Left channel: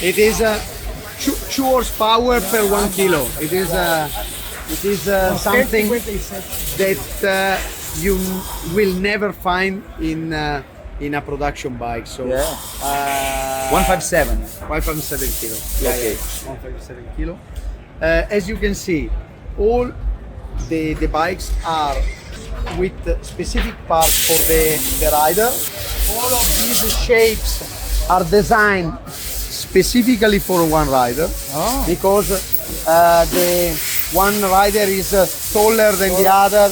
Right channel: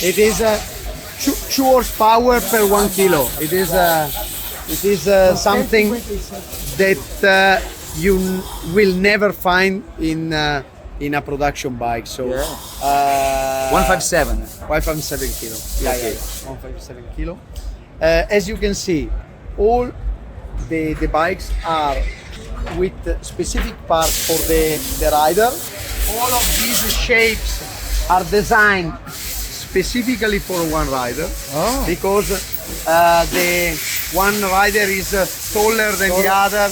It is 2 horsepower per 1 kilo. It is something that you will never find in a production bike. So Yeah. 157. 157 kilo. Yeah, Okay. yeah, 157 kilo. As you can see, all the bikes are with specific parts for the rider. All of these shapes are designed specifically for one rider because the one rider is taller than the other.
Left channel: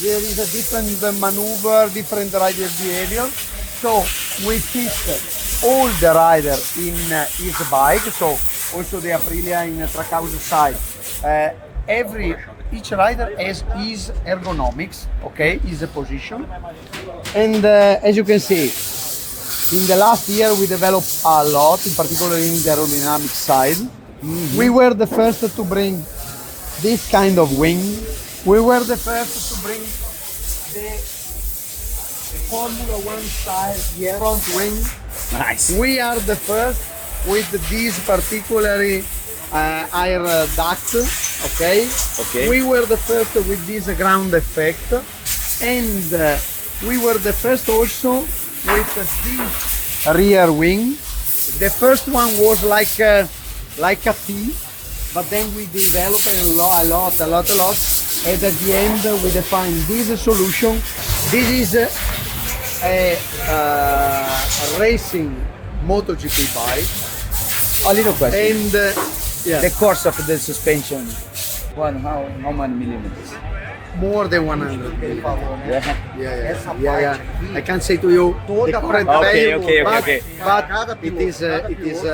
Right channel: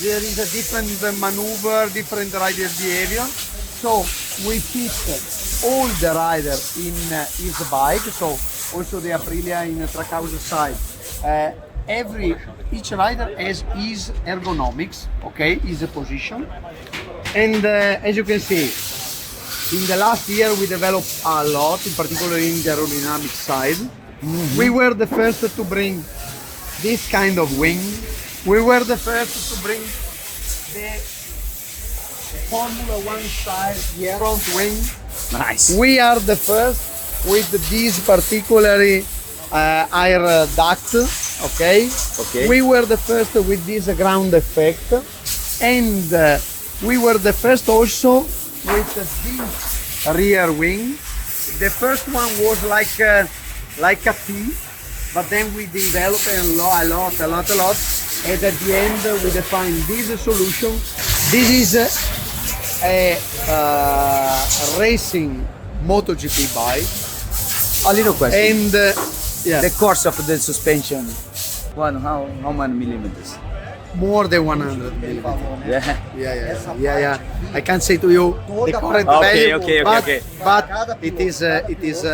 There is a different maneuver, different rider behavior. So we fit all the rider in his bike. So also the Aprilia in Trackhouse side. Each rider has his ergonomics, okay, his position. And as you can see, in the last year we developed a lot, in particular in the aerodynamic side. We were the first to bring this kind of wing. We were the first to bring the Formula One style front wing. Nice. We are the first with this particularly air duct, okay? Okay. We were the first with this ground effect, and we were the first also with this rear wing. The first one was like a T, but then we developed a lot, and at the end we defined this solution. This is a racing MotoGP bike, A little question. and yeah, The course of the suspension. How many millimeters? more than 100 millimeters. Yeah. Yeah. I can't say to you the current Okay, value, okay. but it is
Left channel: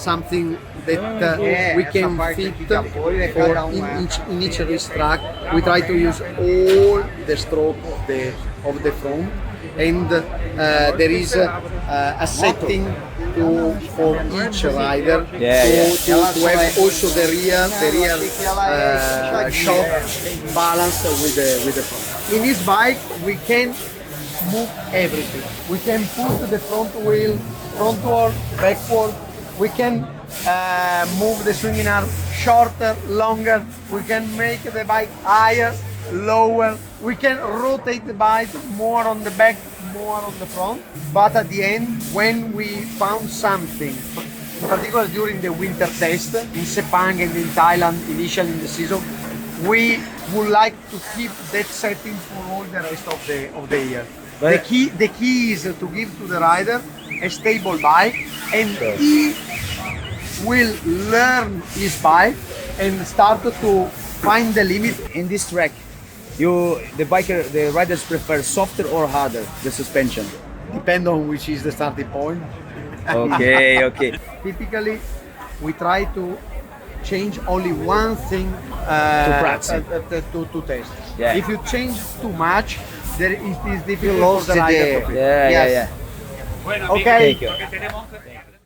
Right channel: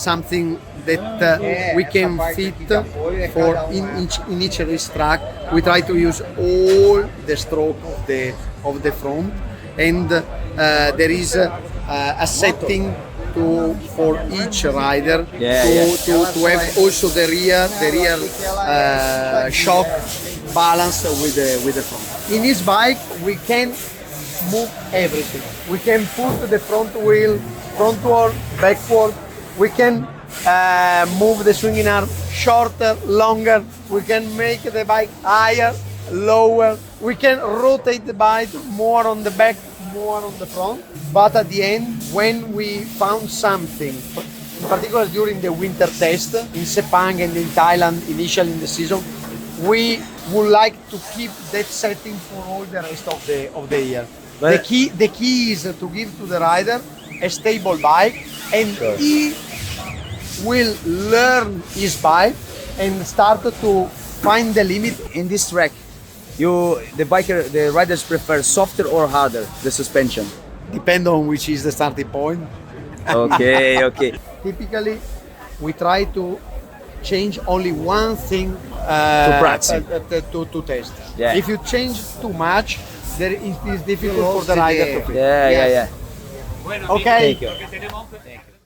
something that we can fit for in each racetrack. We try to use all the stroke of the front, and there is a setting for each rider to have also the rear shock balance with the front. In this bike we can move everything. We can put the front wheel frontward, backward. We can move the swinging arm shorter, longer. We can make the bike higher, lower. We can rotate the bike more on the back, more on the front. But at the end, when we found something, in particular during the winter test in Sepang and in Thailand, initially in the season, we would like to keep that setting for all the rest of the year. But The key is to give to the rider a stable bike, and he will learn his bike and start to find the limit. in this track, the riders prefer softer or harder the suspension. Depend on which is the starting point. Okay. Typically, we try to change only one thing To practice. to test. Yeah. If you change too much, then it is difficult for the rider to fit. Yeah. Okay. Thank you.